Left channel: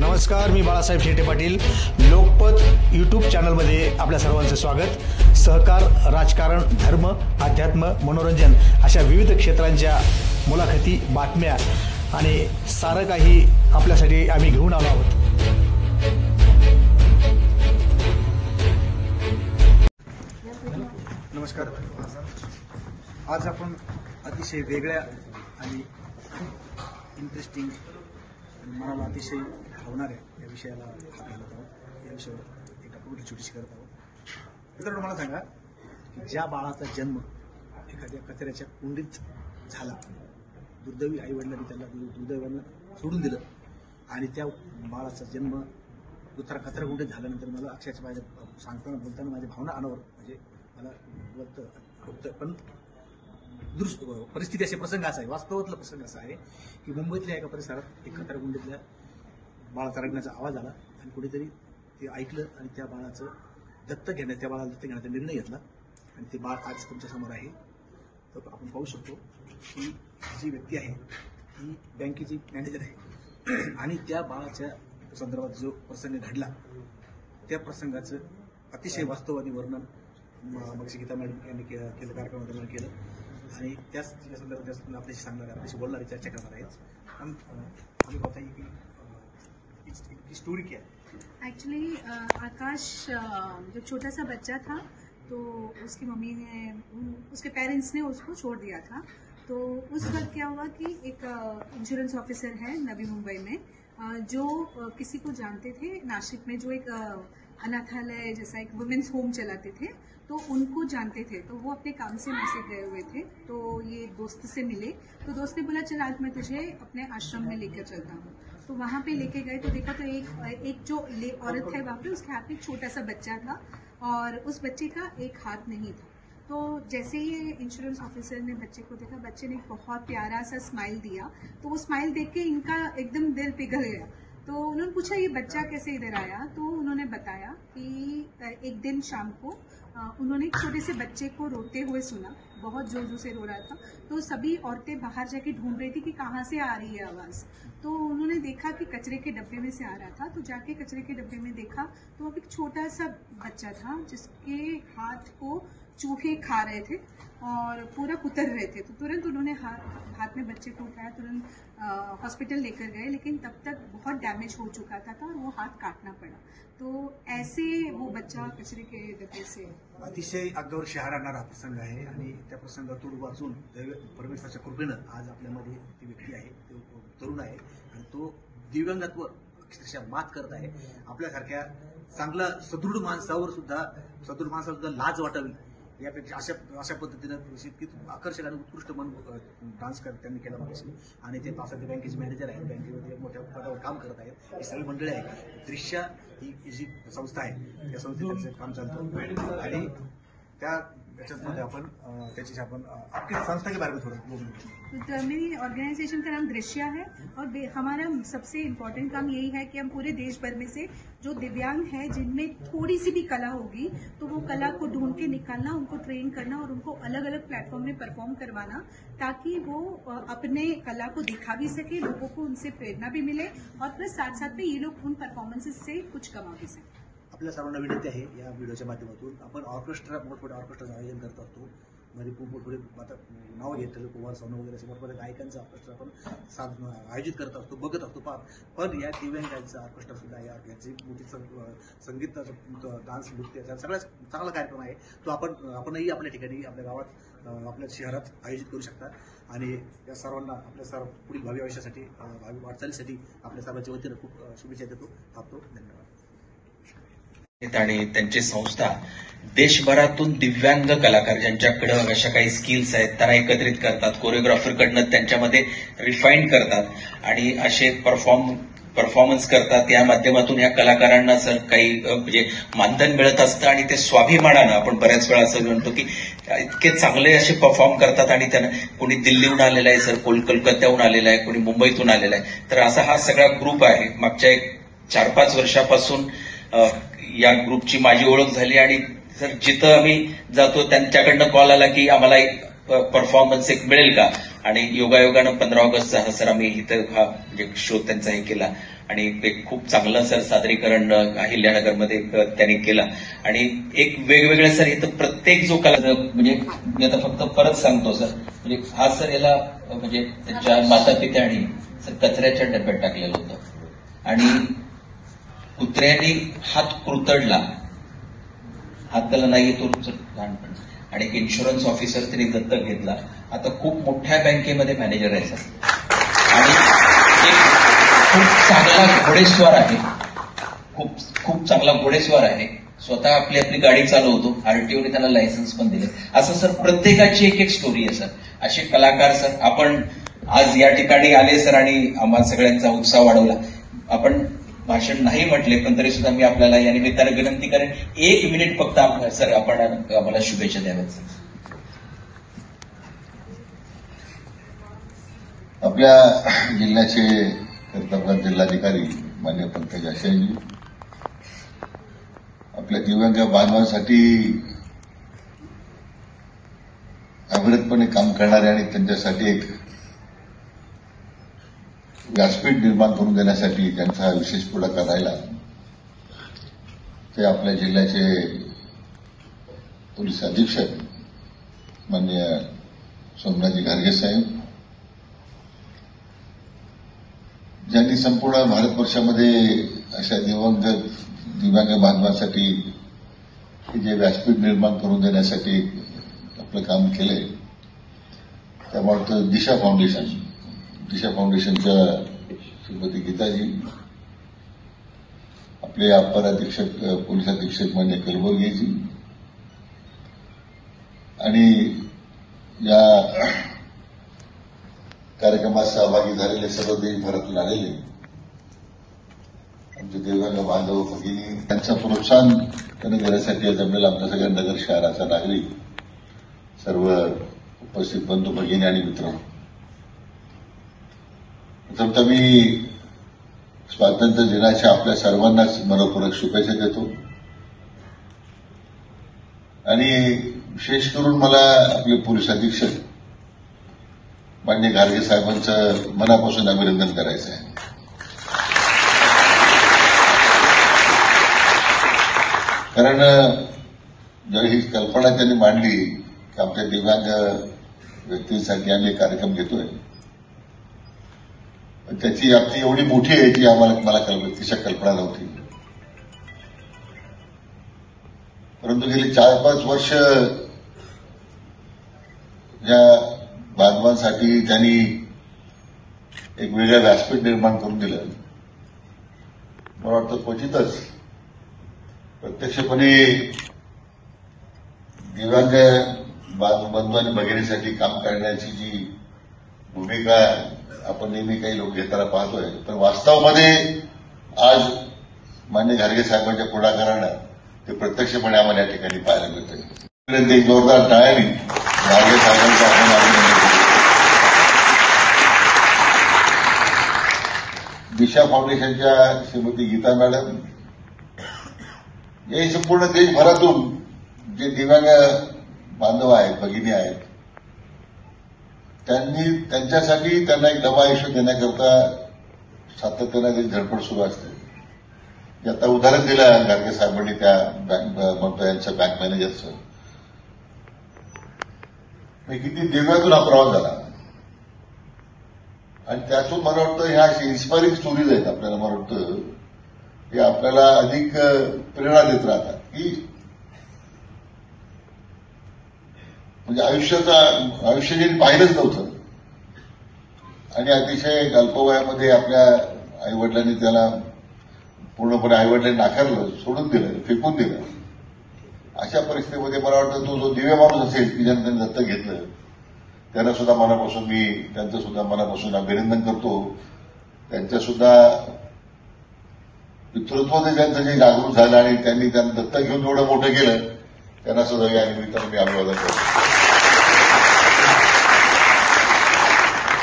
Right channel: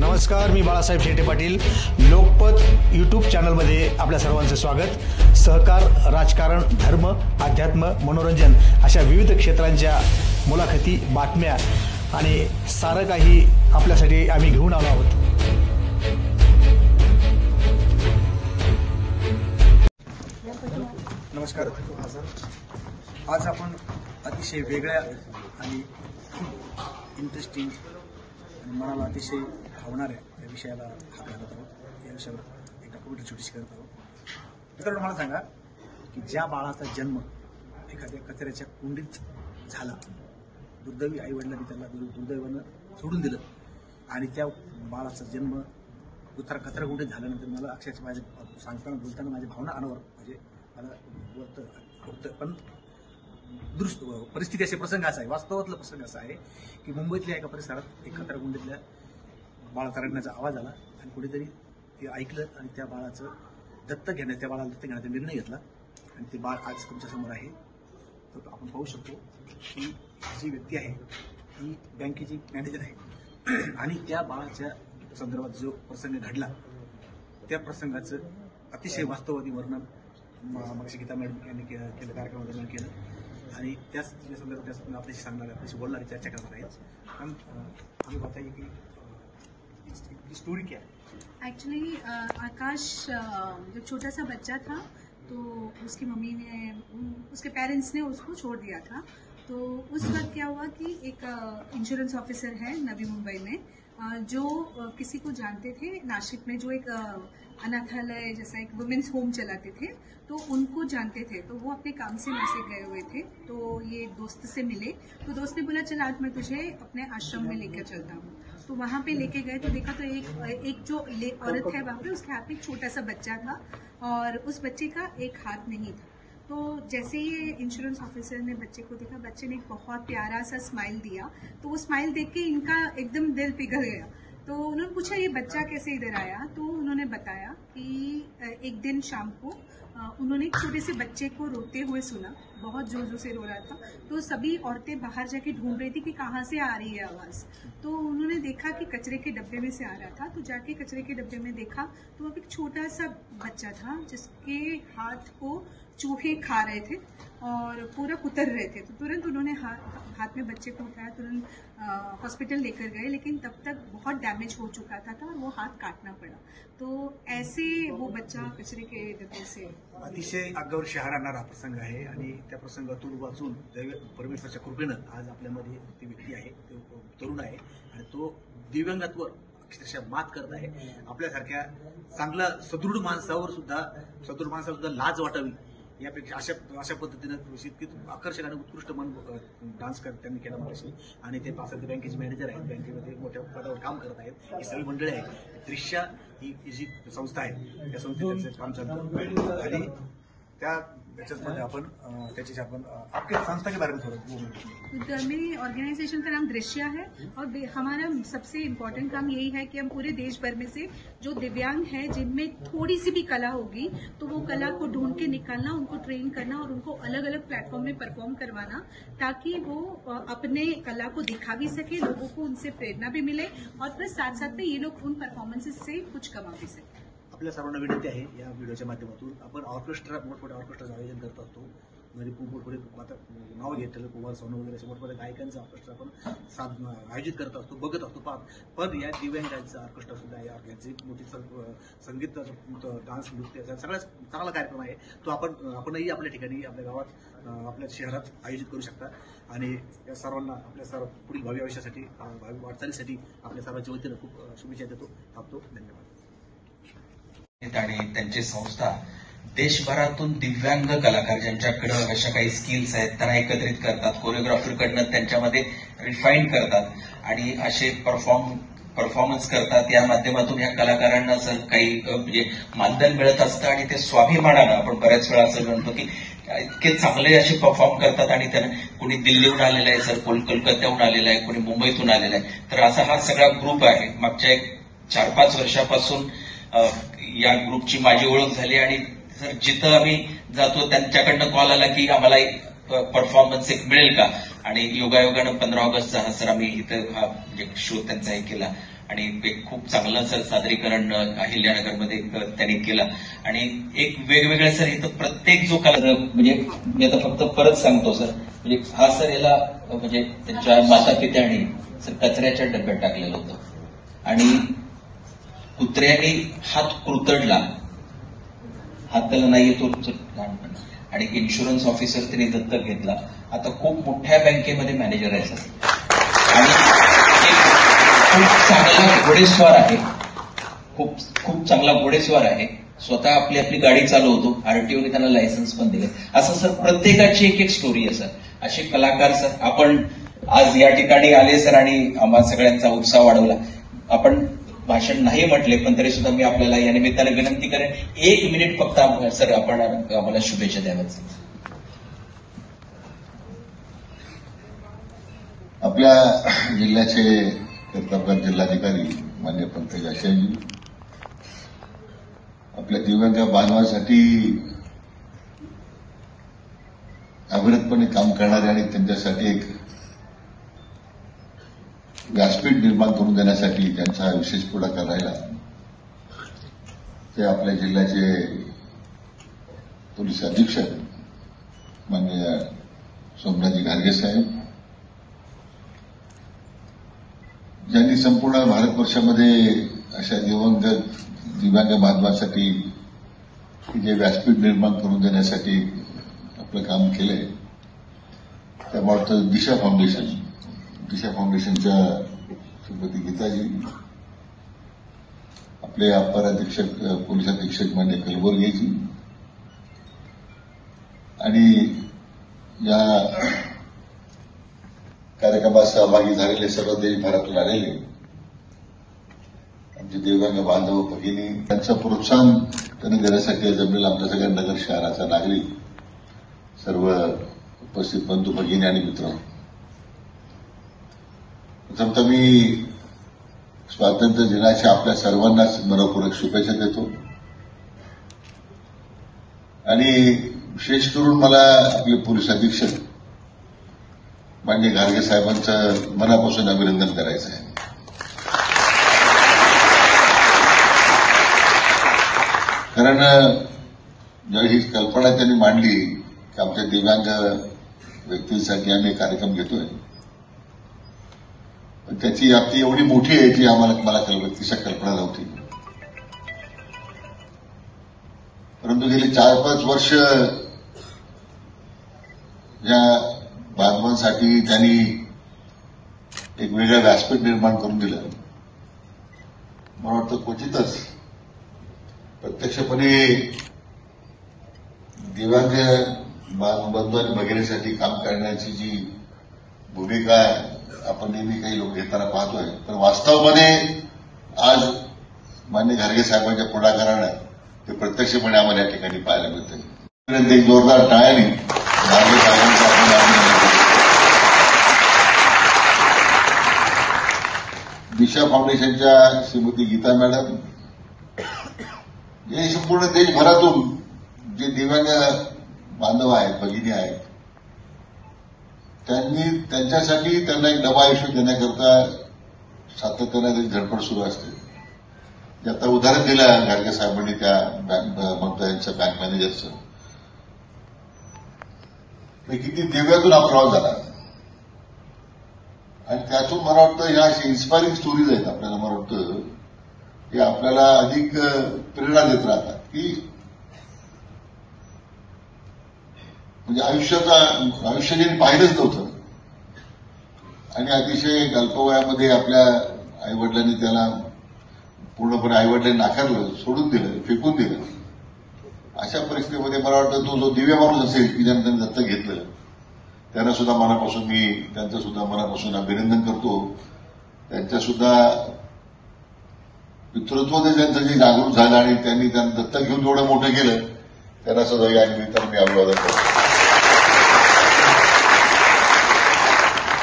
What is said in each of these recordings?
नमस्कार, मी बाळासाहेब शेटे पाटील. लोकपथ यूट्यूब चॅनलमध्ये आपल्या सर्वांचे स्वागत. सहकार, राजकारण, धर्म, अध्यात्म, मनोरंजन अशा विविध क्षेत्रांच्या मुलाखती, बातम्या आणि सारं काही आपल्यासाठी आम्ही घेऊन आलो आहोत. नमस्कार. आज आपण अतिशय वेगळ्या आणि इंटरेस्टिंग आणि मनाला अतिशय भावणाऱ्या या विषयाला हात घालत आहोत. या विषयावर एक डॉक्युमेंटरी छोटीशी करत आहोत. मित्रांनो, मला सांगा की ज्या बाळाचा जन्म एखाद्या कचऱ्याच्या कुंडीत झाला, दुर्दैवी आईवडिलांनी त्याला दुर्दैवानं सोडून दिलं आणि त्या बाळाचा जन्म कचरा कुंडीत झाल्यानंतर मला अक्षरशः माझ्या सांगताना बोलताना माझ्या भावना अनावर म्हणजे मला बोलतं. पण दुरुस्त परिस्थिती असे प्रसंग असा आहे, वास्तवातला प्रसंग असा आहे की मुंबईतल्या एका परिसरात एक कचराकुंडीतल्या बाळाचा रडण्याचा आवाज आला आणि कुणीतरी ते ऐकलं आणि त्या बाळाला दत्तक घेण्याचा निर्णय घेतला आणि ते बाळ आज तुमच्यासमोर आहे. तर आपण पाहू शकतो की जी व्यक्ती आहे ती बँकेची मॅनेजर आहे आणि त्या बाळाच्या संदर्भात जो प्रसंग घडला त्या प्रसंगाचं अतिशय वास्तववादी वर्णन मगाशी गीता मॅडम यांनी केलं, कार्यक्रमादरम्यान केलं आणि त्याच संदर्भात आपल्याशी सांगणार, आपल्याशी बोलणारी, चर्चा करणार आहेत. हमें बताइए कि स्टोरी क्या है. एक्चुअली आकाश जब छोटा सा बच्चा था तो उसकी मम्मी ने, उसके पेरेंट्स ने उसको छोड़ दिया था. तो उस वक्त क्या हुआ कि एक इंश्योरेंस ऑफिसर है नवी मुंबई में, जो किसी को जानते थे नासिक में, जो एक अनाथालय जैसा एक वुमेन्स होम चलाते थे, तो उनको जानते थे. तो वो अपने काम से नासिक गए हुए थे. तो ये दोस्त से मिले तो दोस्त ने बोला चल आज मैं तुझे अपने आश्रम में लेकर चलता हूँ. तो वहाँ पे लेके गए तो देखा तो एक जो औरत है वहाँ पे, उसके हाथ में एक छोटा सा बच्चा था और उस बच्चे का एक हाथ नहीं था. तो जैसे ही इंश्योरेंस ऑफिसर ने बच्चे को देखा, बच्चे ने एक बहुत प्यारा सा स्माइल दिया. तो वो स्माइल देख के इनका एकदम दिल पिघल गया. तो उन्होंने पूछा ये बच्चा कैसे इधर आया. तो उन्होंने बताया कि एक दिन शाम को उन्होंने एक छोटे से बच्चे को रोते हुए सुना, बहुत जोर जोर से रो रहा था. तो सभी औरतें बाहर जाके ढूंढ रही थी कि कहाँ से आ रही है आवाज. तो उन्होंने देखा कि कचरे के डब्बे में से आ रहा था. तो जाके कचरे के डब्बे में देखा तो वहाँ पे एक छोटा सा बच्चा था जिसके हाथ को चूहे खा रहे थे और पूरा कुतर रहे थे. तो तुरंत उन्होंने हाथ में बच्चे को उठाया, तुरंत हॉस्पिटल लेकर गए, लेकिन तब तक बहुत डैमेज हो चुका था और वो हाथ काटना पड़ा. तो ऐसे वो बच्चा कचरे के डब्बे से. अतिशय अंगावर शहारा आणणारा प्रसंग आहे आणि त्या प्रसंगातून वाचून परमेश्वराच्या कृपेनं आज आपल्यामध्ये ती व्यक्ती आहे, तो तरुण आहे आणि तो दिव्यांगत्व अक्षरशः मात करत आहे. आपल्यासारख्या चांगल्या सदृढ माणसावर सुद्धा लाज वाटावी यापेक्षा अशा पद्धतीनं इतकी आकर्षक आणि उत्कृष्ट डान्स त्यांनी केला माझ्याशी. आणि ते पासष्ट बँकेचे मॅनेजर आहेत, बँकेमध्ये मोठ्या पदावर काम करत आहेत. ही सगळी मंडळी आहेत. दृश्य ही जी संस्था आहे त्या संस्थेचं काम चालतं आणि त्याच्यामध्ये आपण त्याच्याशी आपण आपल्या संस्था के बारे में थोड़ा. मेरी ऑर्गेनाइजेशन का नाम दृश्य है और हमारा सबसे इम्पोर्टेंट काम यही है कि हम पूरे देश भर में से जो दिव्यांग है, जिनमें थोड़ी सी भी कला होगी, तो वो कला को ढूंढ के निकालना, उनको ट्रेन करना और उनको अलग अलग प्लेटफॉर्म में परफॉर्म करवाना, ताकि वो अपने कला को दिखा भी सके, लोगों को उनसे प्रेरणा भी मिले और प्लस साथ साथ में ये लोग उन परफॉर्मेंसेस से कुछ कमा भी सके. आपल्या सर्वांना विनंती आहे या व्हिडिओच्या माध्यमातून आपण मोठमोठ्या ऑर्केस्ट्राचं आयोजन करत असतो. म्हणजे मोठमोठे आता नाव घेतलेलं कुमार सोनू वगैरे असे मोठमोठ्या गायकांचं ऑर्केस्ट्रा आपण आयोजित करत असतो, बघत असतो. पण या दिव्यांगांचा ऑर्केस्ट्रा सुद्धा यांची मोठी संगीत, डान्स, नृत्य सगळा चांगला कार्यक्रम आहे. तो आपणही आपल्या ठिकाणी, आपल्या गावात, आपल्या शहरात आयोजित करू शकता. आणि या सर्वांना आपल्या पुढील भावी आयुष्यासाठी, भावी वाटचालीसाठी आपल्या सर्वांच्या वतीनं खूप शुभेच्छा देतो. धन्यवाद. आणि त्यांची संस्था देशभरातून दिव्यांग कलाकार ज्यांच्याकडे अशा काही स्किल्स आहेत त्यांना एकत्रित करतात, कोरिओग्राफरकडनं त्यांच्यामध्ये रिफाईन करतात आणि असे परफॉर्मन्स करतात. या माध्यमातून या कलाकारांना काही म्हणजे मानधन मिळत असतं आणि ते स्वाभिमानानं, आपण बऱ्याच वेळा असं म्हणतो की इतके चांगले असे परफॉर्म करतात आणि त्यांना कोणी दिल्लीहून आलेला आहे, सर कोलकात्याहून आलेला आहे, कोणी मुंबईतून आलेला आहे. तर असा हा सगळा ग्रुप आहे. मागच्या 4-5 वर्षापासून या ग्रुपची माझी ओळख झाली आणि जिथं आम्ही जातो त्यांच्याकडनं कॉल आला की आम्हाला परफॉर्मन्स एक मिळेल का. आणि योगायोगानं 15 ऑगस्टचा हा सर आम्ही इथं हा म्हणजे शो त्यांचा हे केला आणि एक खूप चांगलं सर सादरीकरण अहिल्यानगरमध्ये त्यांनी केलं आणि एक वेगवेगळ्या सर इथं प्रत्येक जो कला म्हणजे मी आता फक्त परत सांगतो सर म्हणजे हा सर याला म्हणजे त्यांच्या माता पित्याने कचऱ्याच्या डब्यात टाकलेलं होतं आणि कुत्र्याने हात कुरतडला, हात त्याला नाही येतो आणि इन्शुरन्स ऑफिसर त्यांनी दत्तक घेतला. आता खूप मोठ्या बँकेमध्ये मॅनेजर आहे सर. खूप चांगला घोडेस्वार आहे, खूप चांगला घोडेस्वार आहे. स्वतः आपली गाडी चालवतो, आरटीओने त्यांना लायसन्स पण दिले. असं सर प्रत्येकाची एक एक स्टोरी आहे सर. असे कलाकार सर आपण आज या ठिकाणी आले सर आणि आम्हा सगळ्यांचा उत्साह वाढवला. आपण भाषण नाही म्हटले पण तरी सुद्धा मी आपल्याला या निमित्ताने विनंती करेन 1 मिनिट फक्त सर आपण आम्हाला शुभेच्छा द्याव्यात. आपल्या जिल्ह्याचे कर्तव्य जिल्हाधिकारी मान्य पंकज असेलजी आपल्या दिव्यांग बांधवांसाठी अविरतपणे काम करणारे आणि त्यांच्यासाठी एक व्यासपीठ निर्माण करून देण्यासाठी त्यांचा हा विशेष पुढाकार राहिला. ते आपल्या जिल्ह्याचे पोलीस अधीक्षक मान्य सोमनाथजी घारगे साहेब ज्यांनी संपूर्ण भारतवर्षामध्ये अशा दिव्यांग बांधवांसाठी जे व्यासपीठ निर्माण करून देण्यासाठी आपलं काम केले. त्यामुळे दिशा फाउंडेशनच्या श्रीमती गीताजी, आपले अपर अधीक्षक पोलीस अधीक्षक मान्य कलबुर्गीजी आणि या कार्यक्रमात सहभागी झालेले सर्व देशभरातून आलेले आमचे दिव्यांग बांधव भगिनी त्यांचं प्रोत्साहन त्यांनी देण्यासाठी जमेल आमच्या सगळ्या नगर शहराचा नागरिक सर्व उपस्थित बंधू भगिनी आणि मित्र. तर मी स्वातंत्र्य दिनाच्या आपल्या सर्वांनाच मनपूर्वक शुभेच्छा देतो आणि विशेष करून मला आपले पोलीस अधीक्षक मान्य घारगे साहेबांचं मनापासून अभिनंदन करायचं आहे. कारण जर ही कल्पना त्यांनी मांडली की आमच्या दिव्यांग व्यक्तींसाठी आम्ही कार्यक्रम घेतोय, त्याची व्याप्ती एवढी मोठी आहे की मला व्यक्तीच्या कल्पना नव्हती. परंतु गेली 4-5 वर्ष या बांधवांसाठी त्यांनी एक वेगळं व्यासपीठ निर्माण करून दिलं. मला वाटतं क्वचितच प्रत्यक्षपणे दिव्यांग बंधू आणि भगिनीसाठी काम करण्याची जी भूमिका आपण नेहमी काही लोक घेताना पाहतोय, तर वास्तवामध्ये आज मान्य घारगे साहेबांच्या पुढाकारानं हे प्रत्यक्षपणे आम्हाला या ठिकाणी पाहायला मिळते. जोरदार टाळ्यांनी घारगे साहेबांचा दिशा फाउंडेशनच्या श्रीमती गीता मॅडम हे संपूर्ण देशभरातून जे दिव्यांग बांधव आहेत, भगिनी आहेत, त्यांच्यासाठी त्यांना एक डबा इश्यू देण्याकरता सातत्याने धडपड सुरू असते. आता उदाहरण दिलं घारगे साहेबांनी त्या यांचं बँक मॅनेजरचं, किती दिव्यांतून हा प्रवास झाला आणि त्यातून मला वाटतं ह्या इन्स्पायरिंग स्टोरीज आहेत. आपल्याला मला वाटतं की आपल्याला अधिक प्रेरणा देत राहतात की म्हणजे आयुष्य जे पाहिलंच नव्हतं आणि अतिशय अल्पवयामध्ये आपल्या आईवडिलांनी त्याला पूर्णपणे आईवडिलांनी नाकारलं, सोडून दिलं, फेकून दिलं. अशा परिस्थितीमध्ये मला वाटतं तो जो दिव्य माणूस असेल की ज्यांनी त्यांनी दत्तक घेतलं त्यांना सुद्धा त्यांचं सुद्धा मनापासून अभिनंदन करतो. त्यांचं सुद्धा पितृत्व त्यांचं जे जागरूक झालं आणि त्यांनी त्यांना दत्तक घेऊन जेवढं मोठं केलं त्यांना सुद्धा या निमित्तानं मी अभिवादन करतो.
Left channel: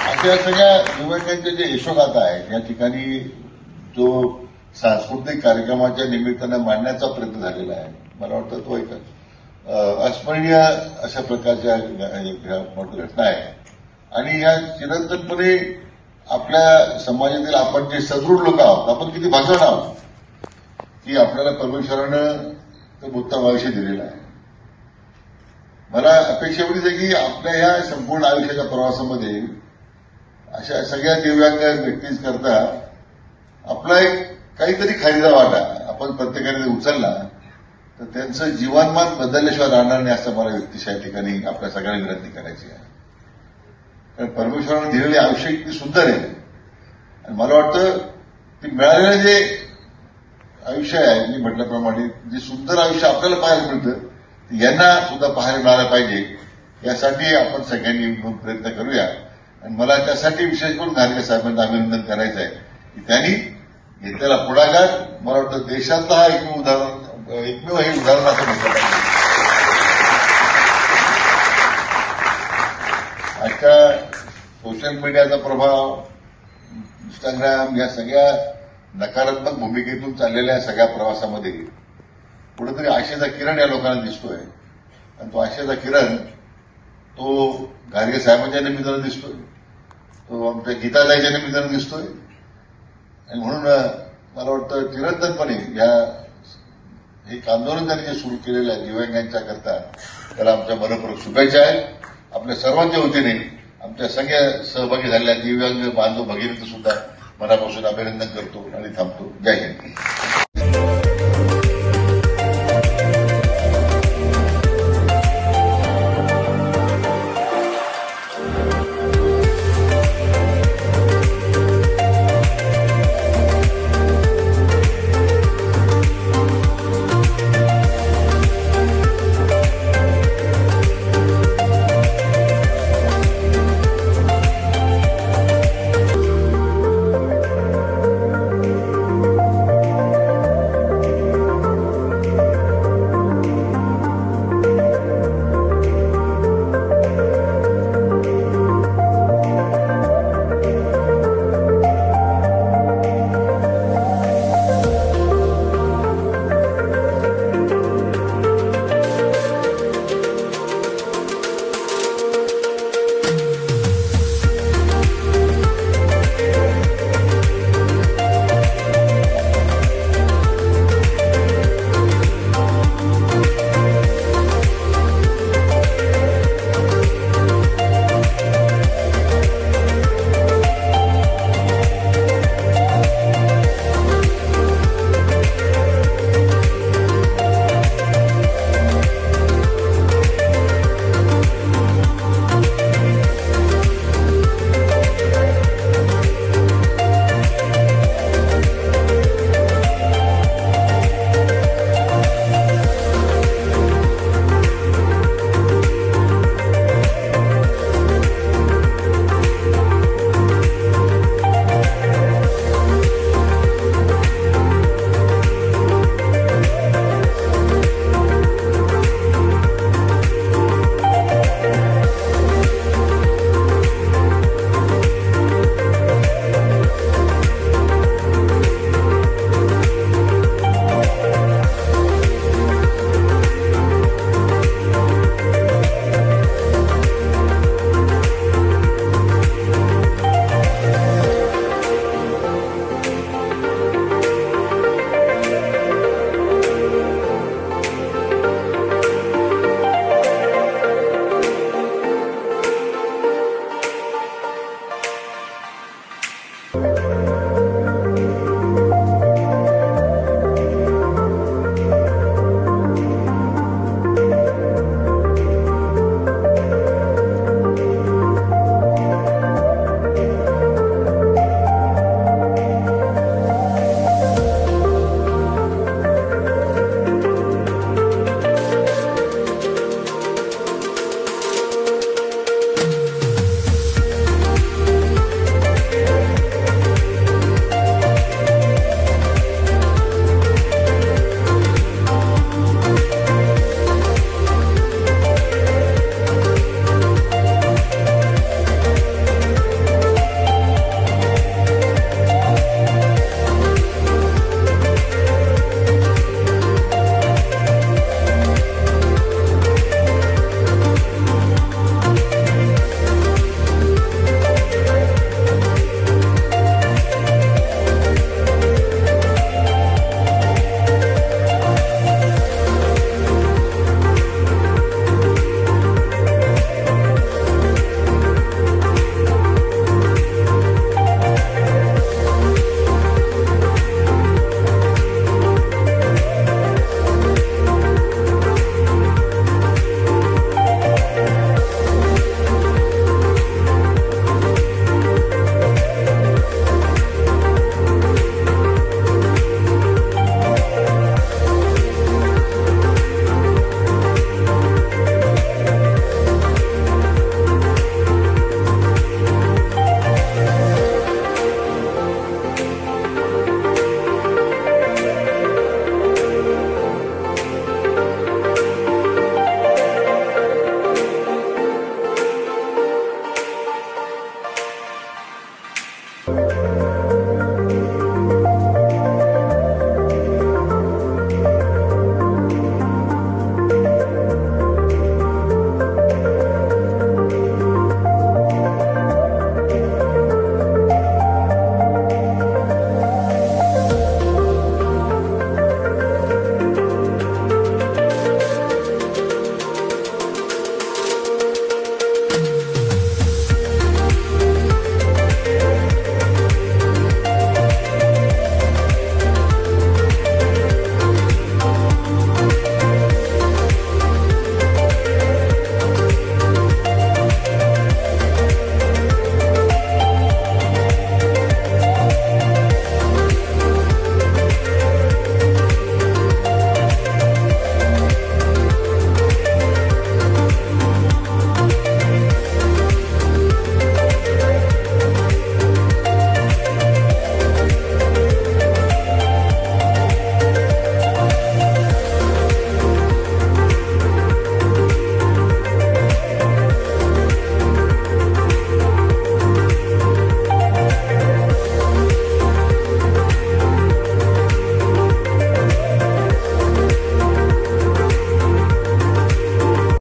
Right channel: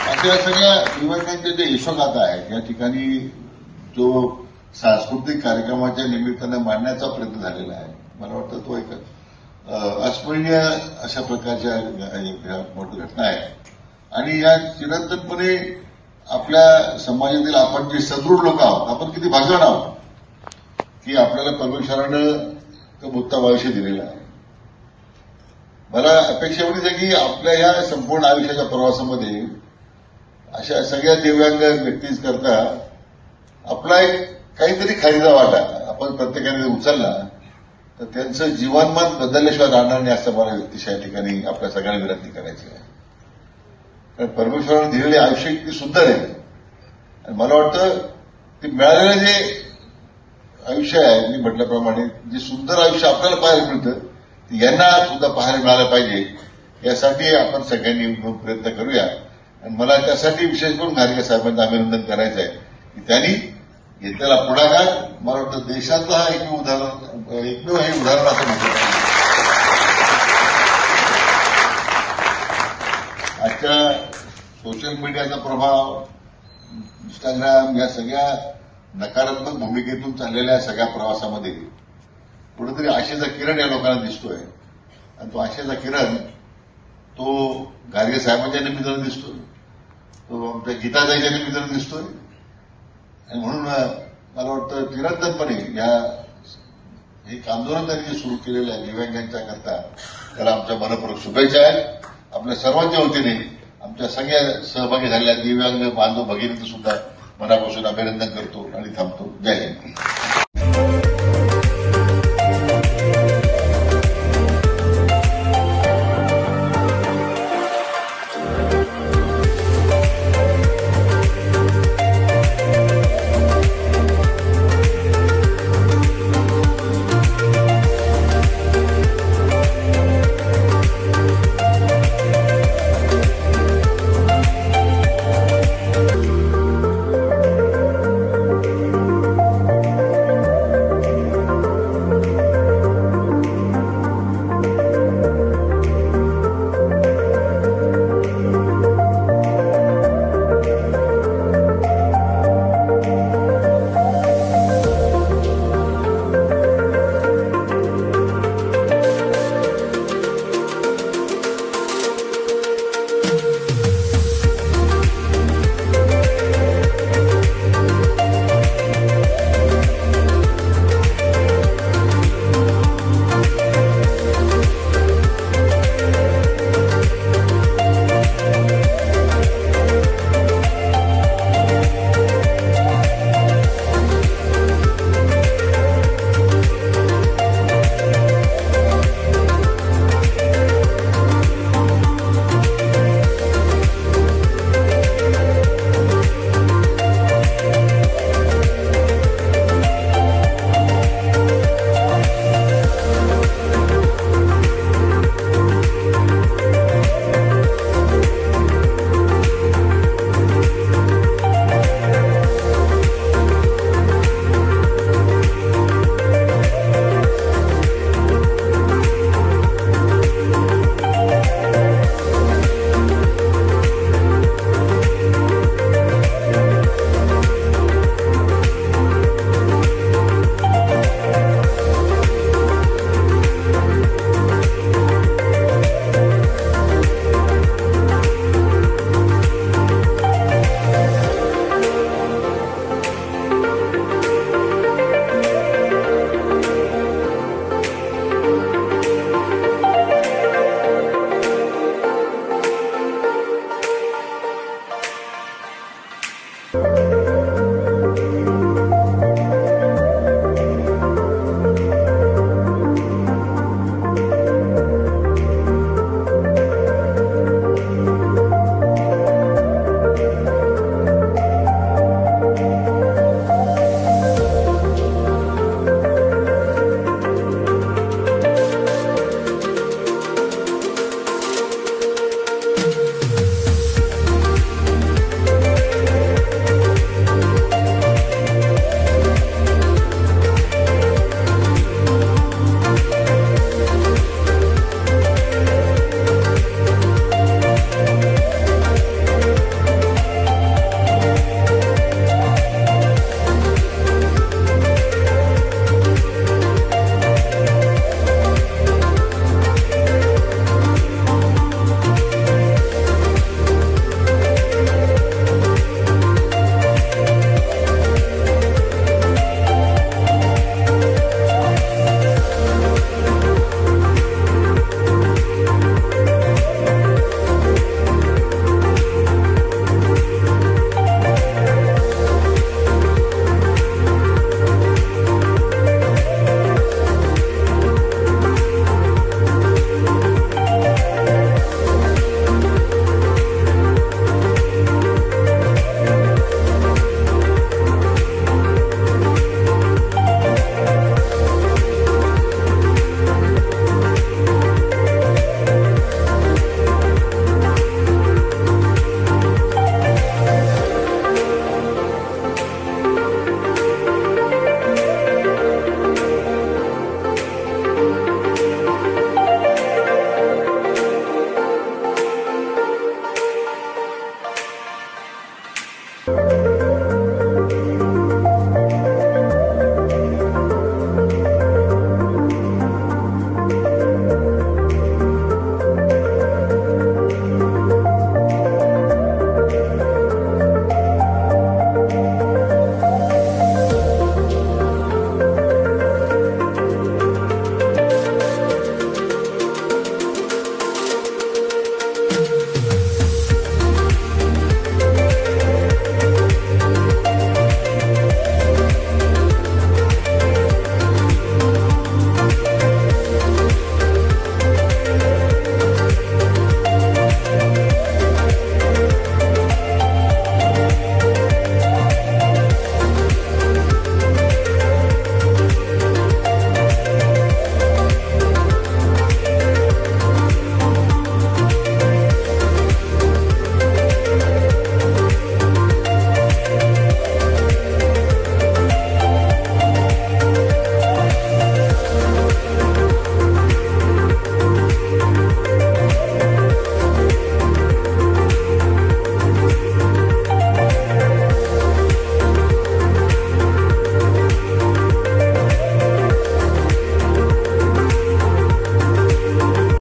अशा सगळ्या दिव्यांगांचे जे यशोगाथा आहेत या ठिकाणी जो सांस्कृतिक कार्यक्रमाच्या निमित्तानं मांडण्याचा प्रयत्न झालेला आहे, मला वाटतं तो एक अस्मरणीय अशा प्रकारच्या घटना आहे. आणि या चिरंतनपणे आपल्या समाजातील आपण जे सदृढ लोक आहोत, आपण किती भाजण आहोत की आपल्याला परमेश्वरानं तो उत्तम आयुष्य दिलेलं आहे. मला अपेक्षा एवढीच आहे की आपल्या या संपूर्ण आयुष्याच्या प्रवासामध्ये अशा सगळ्या दिव्यांग व्यक्तींकरता आपला एक काहीतरी खरेदी वाटा आपण प्रत्येकाने उचलला तर त्यांचं जीवनमान बदलल्याशिवाय राहणार नाही असं मला व्यक्तिशा या ठिकाणी आपल्या सगळ्यांना विनंती करायची आहे. कारण परमेश्वराने दिलेले आयुष्य किती सुंदर आहे आणि मला वाटतं की मिळालेले जे आयुष्य आहे मी म्हटल्याप्रमाणे जे सुंदर आयुष्य आपल्याला पाहायला मिळतं यांना सुद्धा पाहायला मिळालं पाहिजे यासाठी आपण सगळ्यांनी मिळून प्रयत्न करूया. आणि मला त्यासाठी विशेष करून घारगे साहेबांना अभिनंदन करायचं आहे की त्यांनी घेतलेला पुढाकार मला वाटतं देशातलं हा एकमेव हे उदाहरण असं म्हटलं पाहिजे. आता सोशल मीडियाचा प्रभाव इंस्टाग्राम या सगळ्या नकारात्मक भूमिकेतून चाललेल्या सगळ्या प्रवासामध्ये कुठेतरी आशेचा किरण या लोकांना दिसतोय आणि तो आशेचा किरण तो घारगे साहेबांच्या निमित्तानं दिसतोय, तो आमच्या गीताताईच्या निमित्तानं दिसतोय. आणि म्हणून मला वाटतं निरंतरपणे एक आंदोलन त्यांनी सुरू केलेलं आहे दिव्यांगांच्या करता त्याला आमच्या मनपूर्वक शुभेच्छा आहेत. आपल्या सर्वांच्या वतीने आमच्या सगळ्या सहभागी झालेल्या दिव्यांग बांधव भगिनींचं सुद्धा मनापासून अभिनंदन करतो आणि थांबतो. जय हिंद.